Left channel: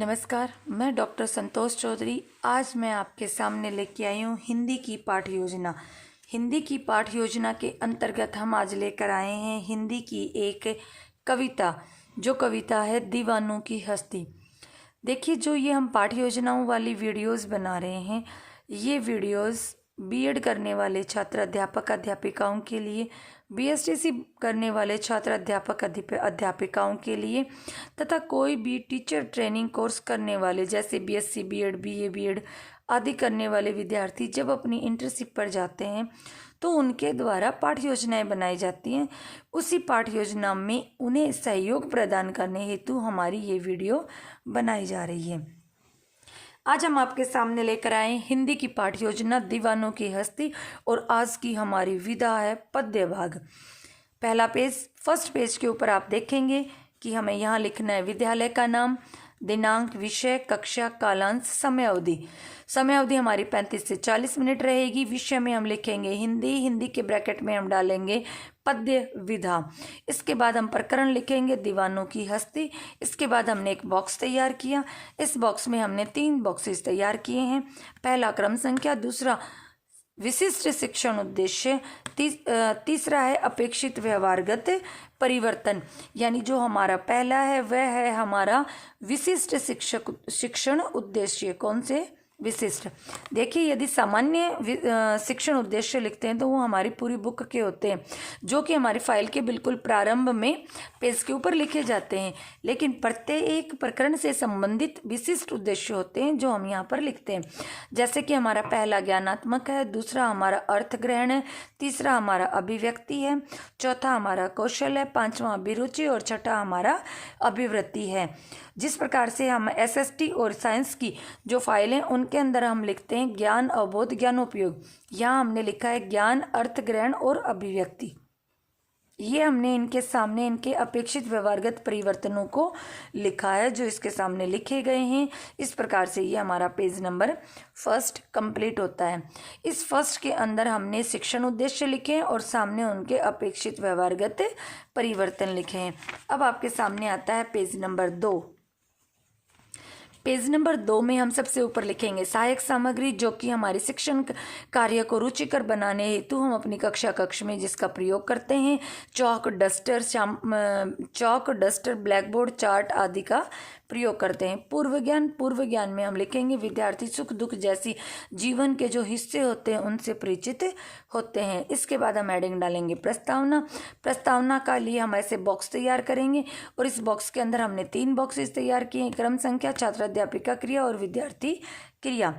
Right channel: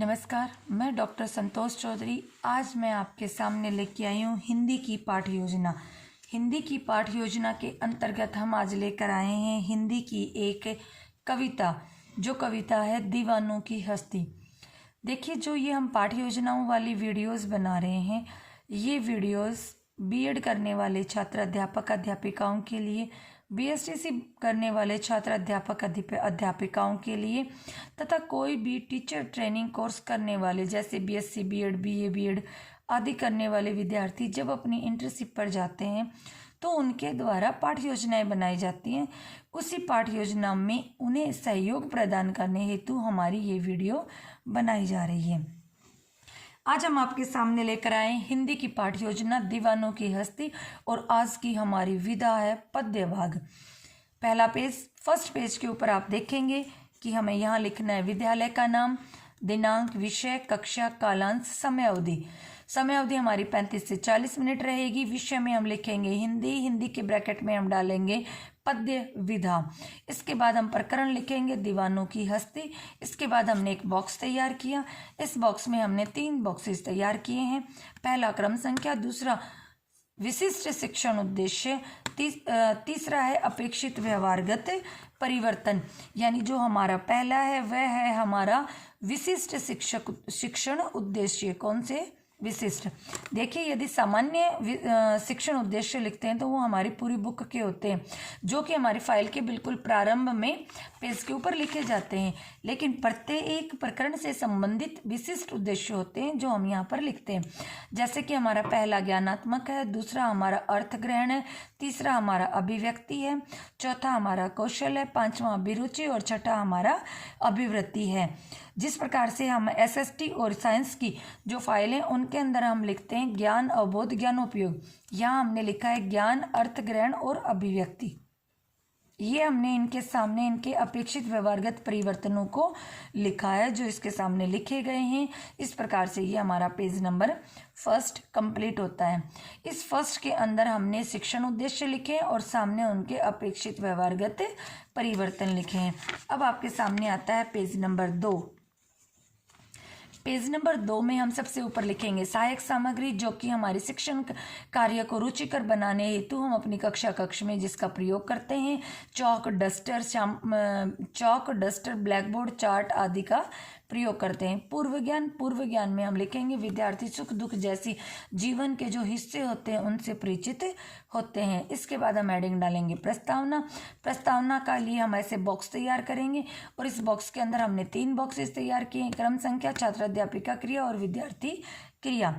नमस्कार, मैं डॉक्टर संतोष चौधरी। आज मैं आपके सामने लेके आई हूँ हिंदी की पाठ योजना। हिंदी की पाठ योजना के अंतर्गत हम आज लेकर आए हैं हिंदी की एक कविता, जो कविता है दीवानों की हस्ती। देखिए, जो ये हम पाठ योजनाओं वाली वीडियोस बना रहे हैं, ये वीडियोस बीएड करने वाले छात्र अध्यापक अध्यापिकाओं के लिए, बीएसटीसी करने वाले छात्र अध्यापक अध्यापिकाओं के लिए तथा कोई भी टीचर ट्रेनिंग कोर्स करने वाले जैसे बीएससी बीएड, बीए बीएड आदि करने वाले विद्यार्थी जब अपनी इंटर्नशिप पर जाते हैं तो उनके द्वारा पाठ योजनाएं बनाई जाती हैं। उसी पाठ योजना में उन्हें सहयोग प्रदान करने हेतु हमारी ये वीडियो बनाई जा रही है। आज हम आपके सामने लेकर आए हिंदी की पाठ योजना दीवानों की हस्ती, और आज की हमारी विधा है पद्य भाग। पहला पेज, फर्स्ट पेज के ऊपर आप देखेंगे कि हमें यहाँ लिखना है विद्यालय का नाम, दिनांक, विषय, कक्षा, कालांश, समय अवधि। समय अवधि हमारी 35 से 40 मिनट रहेगी। विषय में हम लिखेंगे हिंदी, हिंदी के ब्रैकेट में हम डालेंगे पद्य विधा। इसके बाद हम प्रकरण लिखेंगे दीवानों की हस्ती। इसके बाद हमने एक बॉक्स तैयार किया। इस बॉक्स में हमने 3 बॉक्सेस तैयार किए हैं। पहला क्रम संख्या, दूसरा विशिष्ट शिक्षण उद्देश्य, तीसरा है अपेक्षित व्यवहारगत परिवर्तन। यानी जो हमारा पहला है वह है हमारा विशिष्ट शिक्षण उद्देश्य। कौन से? विशिष्ट। देखिए, यदि सामान्य शिक्षण उद्देश्य लिखते हैं तो वो हमारी पूरी बुक के होते हैं, जो कि हमारी फाइल के बिल्कुल प्रारंभ में पेज के ऊपर लिखे जाते हैं। लेकिन प्रत्येक प्रकरण से संबंधित विशिष्ट उद्देश्य होते हैं जो हम यहाँ पर लिखते हैं। जैसे कि हमारा पहला ज्ञानात्मक है, दूसरा हमारा अर्थ ग्रहण है, तीसरा हमारा अभिव्यक्ति है, चौथा हमारा कौशल है, पांचवा अभिरुचि और छठा हमारा अभिवृत्ति है। जिस प्रकार से हम एसएसटी और साइंस की जो फाइलें उनके अंदर हम लिखते हैं ज्ञान, अवबोध, ज्ञानोपयोग, यहाँ हमने लिखा है ज्ञान, अर्थ ग्रहण और अभिव्यक्ति। ये हमने इनके सामने इनके अपेक्षित व्यवहारगत परिवर्तनों को लिखा है जो इसके सामने लिखे गए हैं। इस प्रकार से ये हमारा पेज नंबर फर्स्ट कंप्लीट होता है। इस फर्स्ट के अंदर हमने शिक्षण उद्देश्य लिखे और सामने उनके अपेक्षित व्यवहारगत परिवर्तन लिखे हैं। अब आपके सामने आता है पेज नंबर 2। पेज नंबर 2 में हम सबसे ऊपर लिखेंगे सहायक सामग्री, जो कि हमारे शिक्षण कार्य को रुचिकर बनाने हेतु हम अपनी कक्ष में जिसका प्रयोग करते हैं। चौक, डस्टर, ब्लैक बोर्ड, चार्ट आदि का प्रयोग करते हैं। पूर्व ज्ञान में हम लिखेंगे विद्यार्थी सुख दुख जैसी जीवन के जो हिस्से होते हैं उनसे परिचित होते हैं। इसके बाद हम हेडिंग डालेंगे प्रस्तावना का लिए हम ऐसे बॉक्स तैयार करेंगे, और इस बॉक्स के अंदर हमने 3 बॉक्सेस तैयार किए हैं, क्रम संख्या, छात्र अध्यापिका क्रिया और विद्यार्थी क्रिया।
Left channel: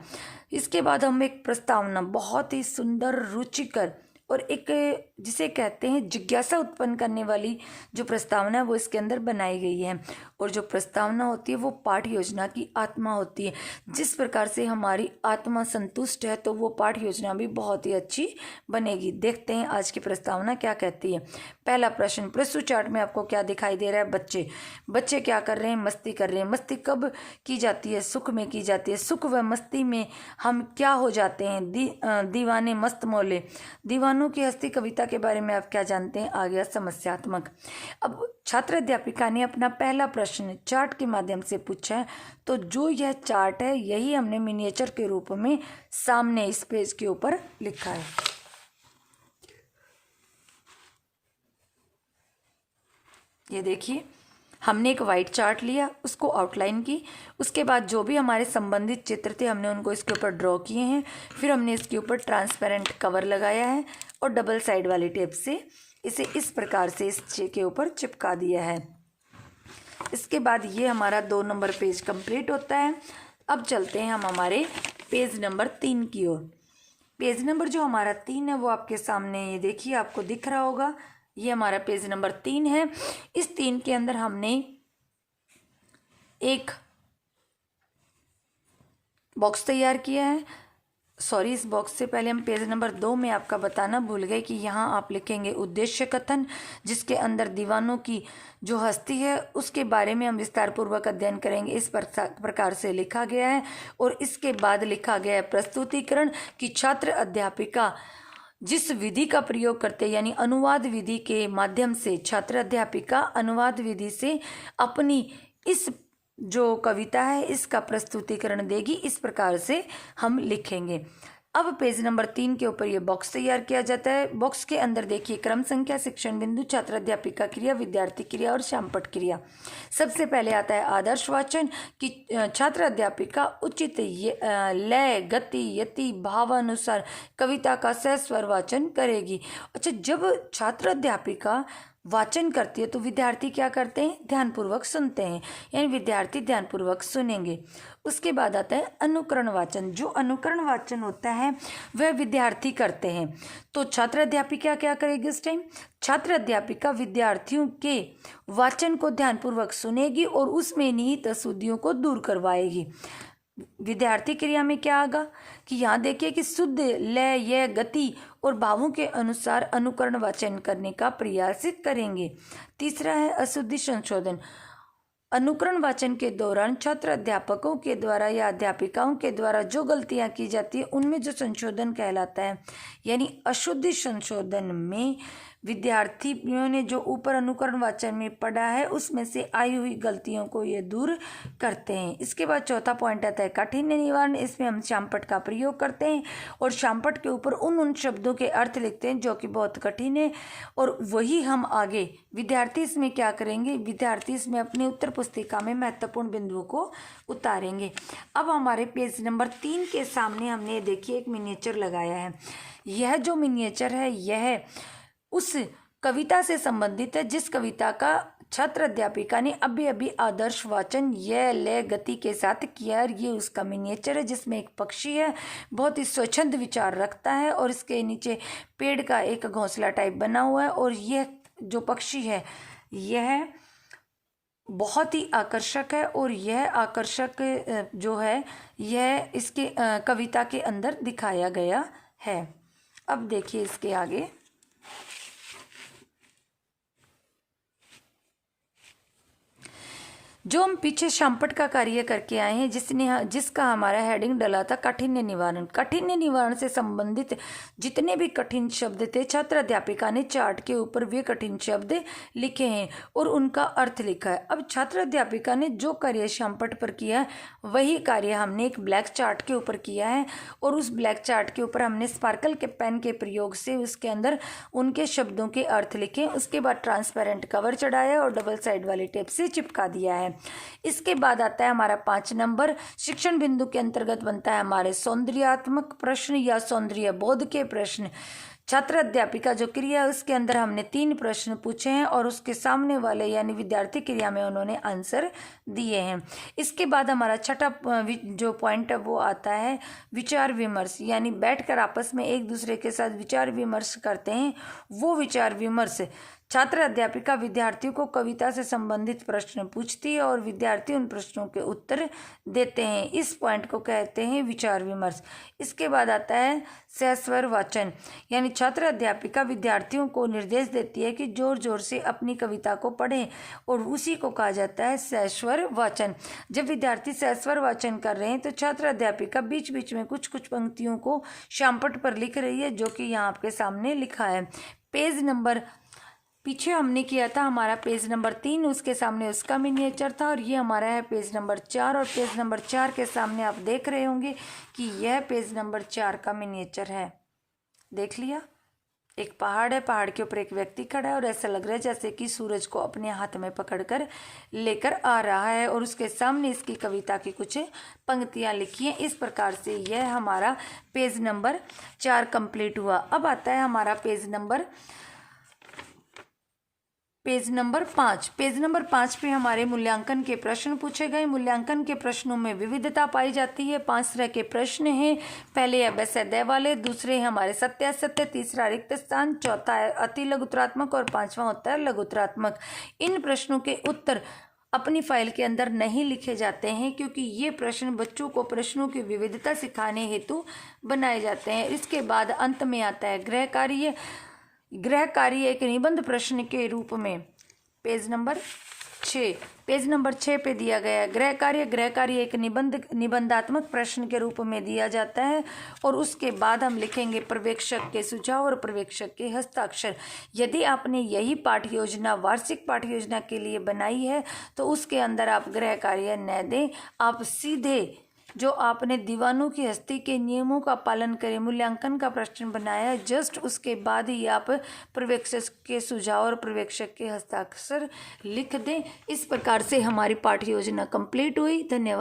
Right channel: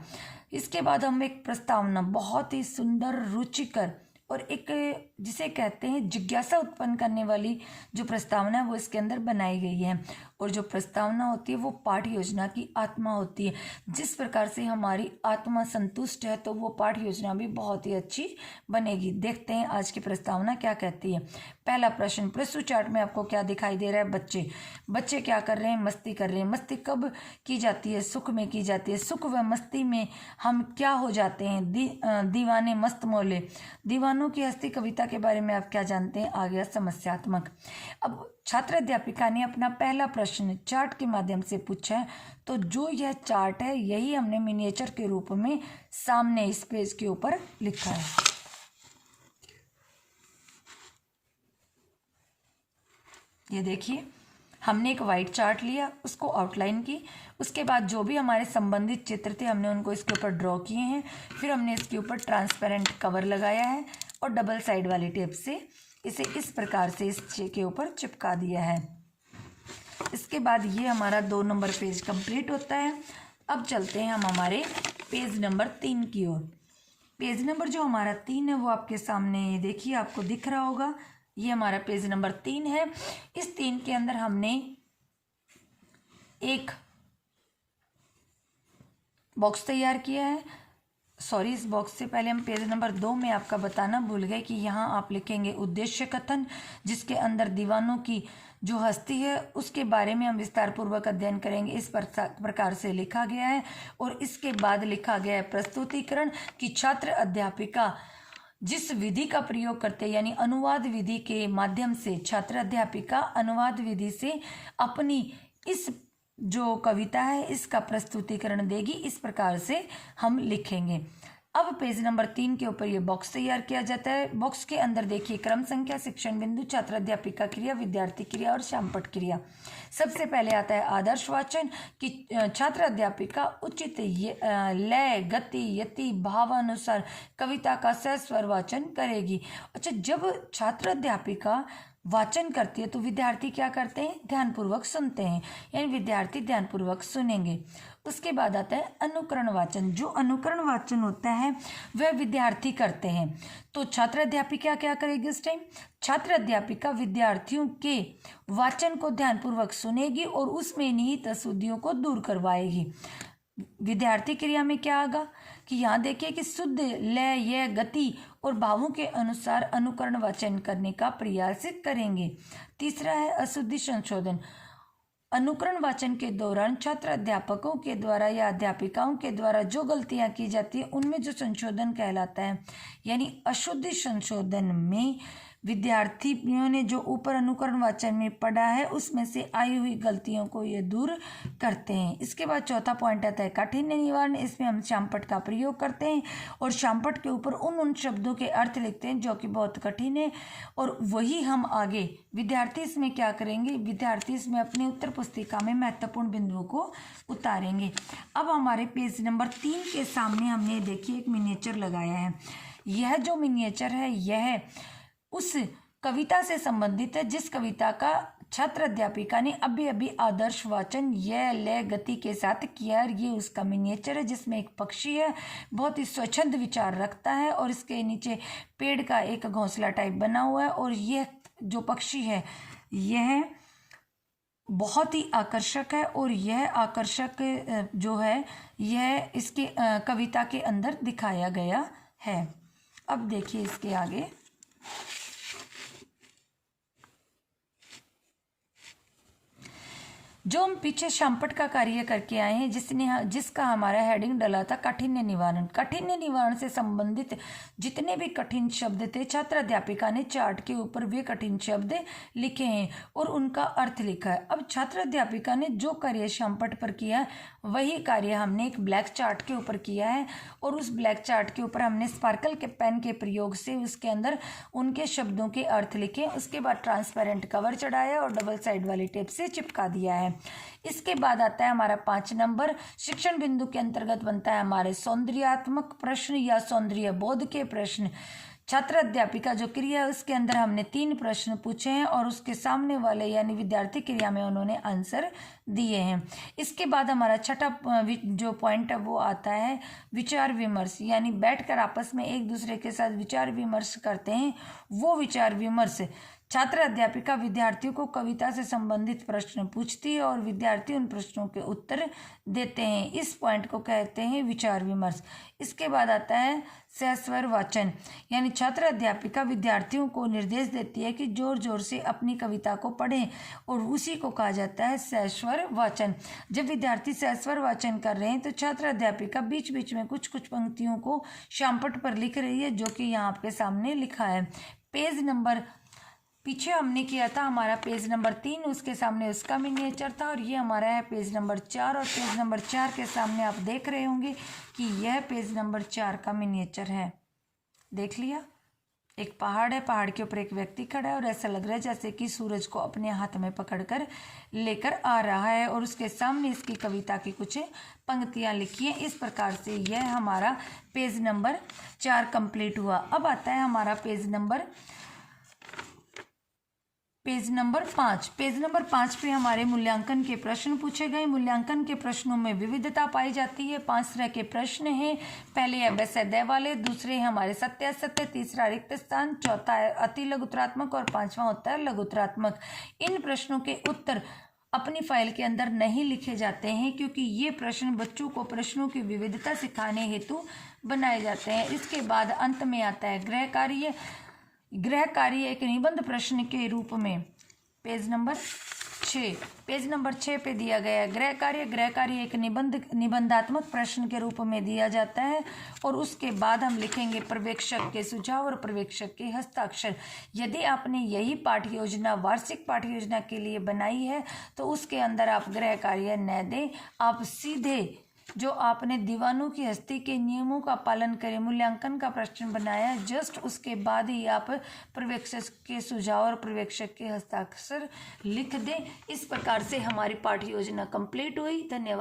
इसके बाद हम एक प्रस्तावना, बहुत ही सुंदर, रुचिकर और एक जिसे कहते हैं जिज्ञासा उत्पन्न करने वाली जो प्रस्तावना है वो इसके अंदर बनाई गई है। और जो प्रस्तावना होती है वो पाठ योजना की आत्मा होती है। जिस प्रकार से हमारी आत्मा संतुष्ट है तो वो पाठ योजना भी बहुत ही अच्छी बनेगी। देखते हैं आज की प्रस्तावना क्या कहती है। पहला प्रश्न, प्रस्तुत चार्ट में आपको क्या दिखाई दे रहा है? बच्चे क्या कर रहे हैं? मस्ती कर रहे हैं। मस्ती कब की जाती है? सुख में की जाती है। सुख व मस्ती में हम क्या हो जाते हैं? दीवाने मस्त मौले। दीवानों की हस्ती कविता के बारे में आप क्या जानते हैं? आ गया समस्यात्मक। अब छात्र अध्यापिका ने अपना पहला प्रश्न चार्ट के माध्यम से पूछा है, तो जो यह चार्ट है यही हमने मिनिएचर के रूप में सामने इस पेज के ऊपर लिखा है। ये देखिए, हमने एक वाइट चार्ट लिया, उसको आउटलाइन की, उसके बाद जो भी हमारे संबंधित चित्र थे हमने उनको इसके ऊपर ड्रॉ किए हैं। फिर हमने इसके ऊपर ट्रांसपेरेंट कवर लगाया है और डबल साइड वाली टेप से इसे इस प्रकार से इस के ऊपर चिपका दिया है। इसके बाद ये हमारा 2 नंबर पेज कंप्लीट होता है। अब चलते हैं हम हमारे पेज नंबर 3 की ओर। पेज नंबर जो हमारा 3 है वो आपके सामने ये देखिए, आपको दिख रहा होगा, ये हमारा पेज नंबर 3 है। इस 3 के अंदर हमने एक बॉक्स तैयार किया है। इस बॉक्स से पहले हम पेज नंबर 2 में आपका बताना भूल गए कि यहाँ आप लिखेंगे उद्देश्य कथन, जिसके अंदर दीवानों की जो हस्ती है उसके बारे में हम विस्तार पूर्वक अध्ययन करेंगे। इस प्रकार से लिखा गया है। और इसके बाद लिखा गया है प्रस्तुतिकरण कि छात्र अध्यापिका जिस विधि का प्रयोग करते हैं, यानी अनुवाद विधि के माध्यम से छात्र अध्यापिका अनुवाद विधि से अपनी इस जो कविता है इसका प्रस्तुतिकरण देगी। इस प्रकार से हम लिखेंगे। अब पेज नंबर 3 के ऊपर ये बॉक्स तैयार किया जाता है। बॉक्स के अंदर देखिए क्रम संख्या, शिक्षण बिंदु, छात्र अध्यापिका क्रिया, विद्यार्थी क्रिया और श्यामपट्ट क्रिया। सबसे पहले आता है आदर्श वाचन कि छात्र अध्यापिका उचित लय, गति, यति, भावानुसार कविता का सस्वर वाचन करेगी। अच्छा, जब छात्र अध्यापिका वाचन करती है तो विद्यार्थी क्या करते हैं? ध्यानपूर्वक सुनते हैं, यानी विद्यार्थी ध्यानपूर्वक सुनेंगे। उसके बाद आता है अनुकरण वाचन। जो अनुकरण वाचन होता है वह विद्यार्थी करते हैं। तो छात्र अध्यापिका क्या करेगी इस टाइम? छात्र अध्यापिका विद्यार्थियों के वाचन को ध्यानपूर्वक सुनेगी और उसमें निहित अशुद्धियों को दूर करवाएगी। विद्यार्थी क्रिया में क्या आगा कि यहाँ देखिए कि शुद्ध लय, ये गति और भावों के अनुसार अनुकरण वाचन करने का प्रयास करेंगे। तीसरा है अशुद्धि संशोधन। अनुकरण वाचन के दौरान छात्र अध्यापकों के द्वारा या अध्यापिकाओं के द्वारा जो गलतियां की जाती है उनमें जो संशोधन कहलाता है, यानी अशुद्धि संशोधन में विद्यार्थियों ने जो ऊपर अनुकरण वाचन में पढ़ा है उसमें से आई हुई गलतियों को ये दूर करते हैं। इसके बाद चौथा पॉइंट आता है काठिन्य निवारण। इसमें हम श्यामपट्ट का प्रयोग करते हैं और श्यामपट्ट के ऊपर उन शब्दों के अर्थ लिखते हैं जो कि बहुत कठिन है, और वही हम आगे विद्यार्थी इसमें क्या करेंगे? विद्यार्थी इसमें अपने उत्तर पुस्तिका में महत्वपूर्ण बिंदुओं को उतारेंगे। अब हमारे पेज नंबर 3 के सामने हमने देखिए एक मिनिएचर लगाया है। यह जो मिनिएचर है यह उस कविता से संबंधित है जिस कविता का छात्र अध्यापिका ने अभी अभी आदर्श वाचन ये लय गति के साथ किया। ये उसका मिनिएचर है जिसमें एक पक्षी है, बहुत ही स्वच्छंद विचार रखता है और इसके नीचे पेड़ का एक घोंसला टाइप बना हुआ है, और यह जो पक्षी है यह बहुत ही आकर्षक है, और यह आकर्षक जो है यह इसके कविता के अंदर दिखाया गया है। अब देखिए इसके आगे जो हम पीछे श्यामपट्ट का कार्य करके आए हैं जिसका हमारा हेडिंग डला था काठिन्य निवारण। काठिन्य निवारण से संबंधित जितने भी कठिन शब्द थे छात्र अध्यापिका ने चार्ट के ऊपर वे कठिन शब्द लिखे हैं और उनका अर्थ लिखा है। अब छात्र अध्यापिका ने जो कार्य श्यामपट्ट पर किया वही कार्य हमने एक ब्लैक चार्ट के ऊपर किया है, और उस ब्लैक चार्ट के ऊपर हमने स्पार्कल के पेन के प्रयोग से उसके अंदर उनके शब्दों के अर्थ लिखे। उसके बाद ट्रांसपेरेंट कवर चढ़ाया और डबल साइड वाली टेप से चिपका दिया है। इसके बाद आता है हमारा 5 नंबर। शिक्षण बिंदु के अंतर्गत बनता है हमारे सौंदर्यात्मक प्रश्न या सौंदर्य बोध के प्रश्न। छात्र अध्यापिका जो क्रिया है उसके अंदर हमने 3 प्रश्न पूछे हैं और उसके सामने वाले यानी विद्यार्थी क्रिया में उन्होंने आंसर दिए हैं। इसके बाद हमारा छठा जो पॉइंट है वो आता है विचार विमर्श, यानी बैठकर आपस में एक दूसरे के साथ विचार विमर्श करते हैं। वो विचार विमर्श छात्र अध्यापिका विद्यार्थियों को कविता से संबंधित प्रश्न पूछती है और विद्यार्थी उन प्रश्नों के उत्तर देते हैं। इस पॉइंट को कहते हैं विचार विमर्श। इसके बाद आता है सस्वर वाचन, यानी छात्र अध्यापिका विद्यार्थियों को निर्देश देती है कि जोर जोर से अपनी कविता को पढ़ें और उसी को कहा जाता है सस्वर वाचन। जब विद्यार्थी सस्वर वाचन कर रहे हैं तो छात्र अध्यापिका बीच बीच में कुछ कुछ पंक्तियों को श्यामपट्ट पर लिख रही है, जो कि यहाँ आपके सामने लिखा है। पेज नंबर पीछे हमने किया था हमारा पेज नंबर 3, उसके सामने उसका मिनिएचर था, और ये हमारा है पेज नंबर 4, और पेज नंबर 4 के सामने आप देख रहे होंगे कि यह पेज नंबर 4 का मिनिएचर है। देख लिया, एक पहाड़ है, पहाड़ के ऊपर एक व्यक्ति खड़ा है और ऐसा लग रहा है जैसे कि सूरज को अपने हाथ में पकड़कर लेकर आ रहा है, और उसके सामने इसकी कविता की कुछ पंक्तियां लिखी हैं। इस प्रकार से यह हमारा पेज नंबर 4 कंप्लीट हुआ। अब आता है हमारा पेज नंबर 5। पेज नंबर 5 पे हमारे मूल्यांकन के प्रश्न पूछे गए। मूल्यांकन के प्रश्नों में विविधता पाई जाती है। 5 तरह के प्रश्न हैं। पहले है वैसेद्य वाले, दूसरे हमारे सत्य असत्य, तीसरा रिक्त स्थान, चौथा है अति लघुतरात्मक और 5वां होता है लघुतरात्मक। इन प्रश्नों के उत्तर अपनी फाइल के अंदर नहीं लिखे जाते हैं क्योंकि ये प्रश्न बच्चों को प्रश्नों की विविधता सिखाने हेतु बनाए जाते हैं। इसके बाद अंत में आता है गृह कार्य। गृह कार्य एक निबंध प्रश्न के रूप में पेज नंबर 6, पेज नंबर 6 पे दिया गया है गृह कार्य एक निबंधात्मक प्रश्न के रूप में दिया जाता है और उसके बाद हम लिखेंगे पर्यवेक्षक के सुझाव और पर्यवेक्षक के हस्ताक्षर। यदि आपने यही पाठ्य योजना वार्षिक पाठ्य योजना के लिए बनाई है तो उसके अंदर आप गृह कार्य न दें, आप सीधे जो आपने दीवानों की हस्ती के नियमों का पालन करें मूल्यांकन का प्रश्न बनाया, जस्ट उसके बाद ही आप पर्यवेक्षक के सुझाव और पर्यवेक्षक के हस्ताक्षर लिख दें। इस प्रकार से हमारी पाठ्य योजना कंप्लीट हुई। धन्यवाद।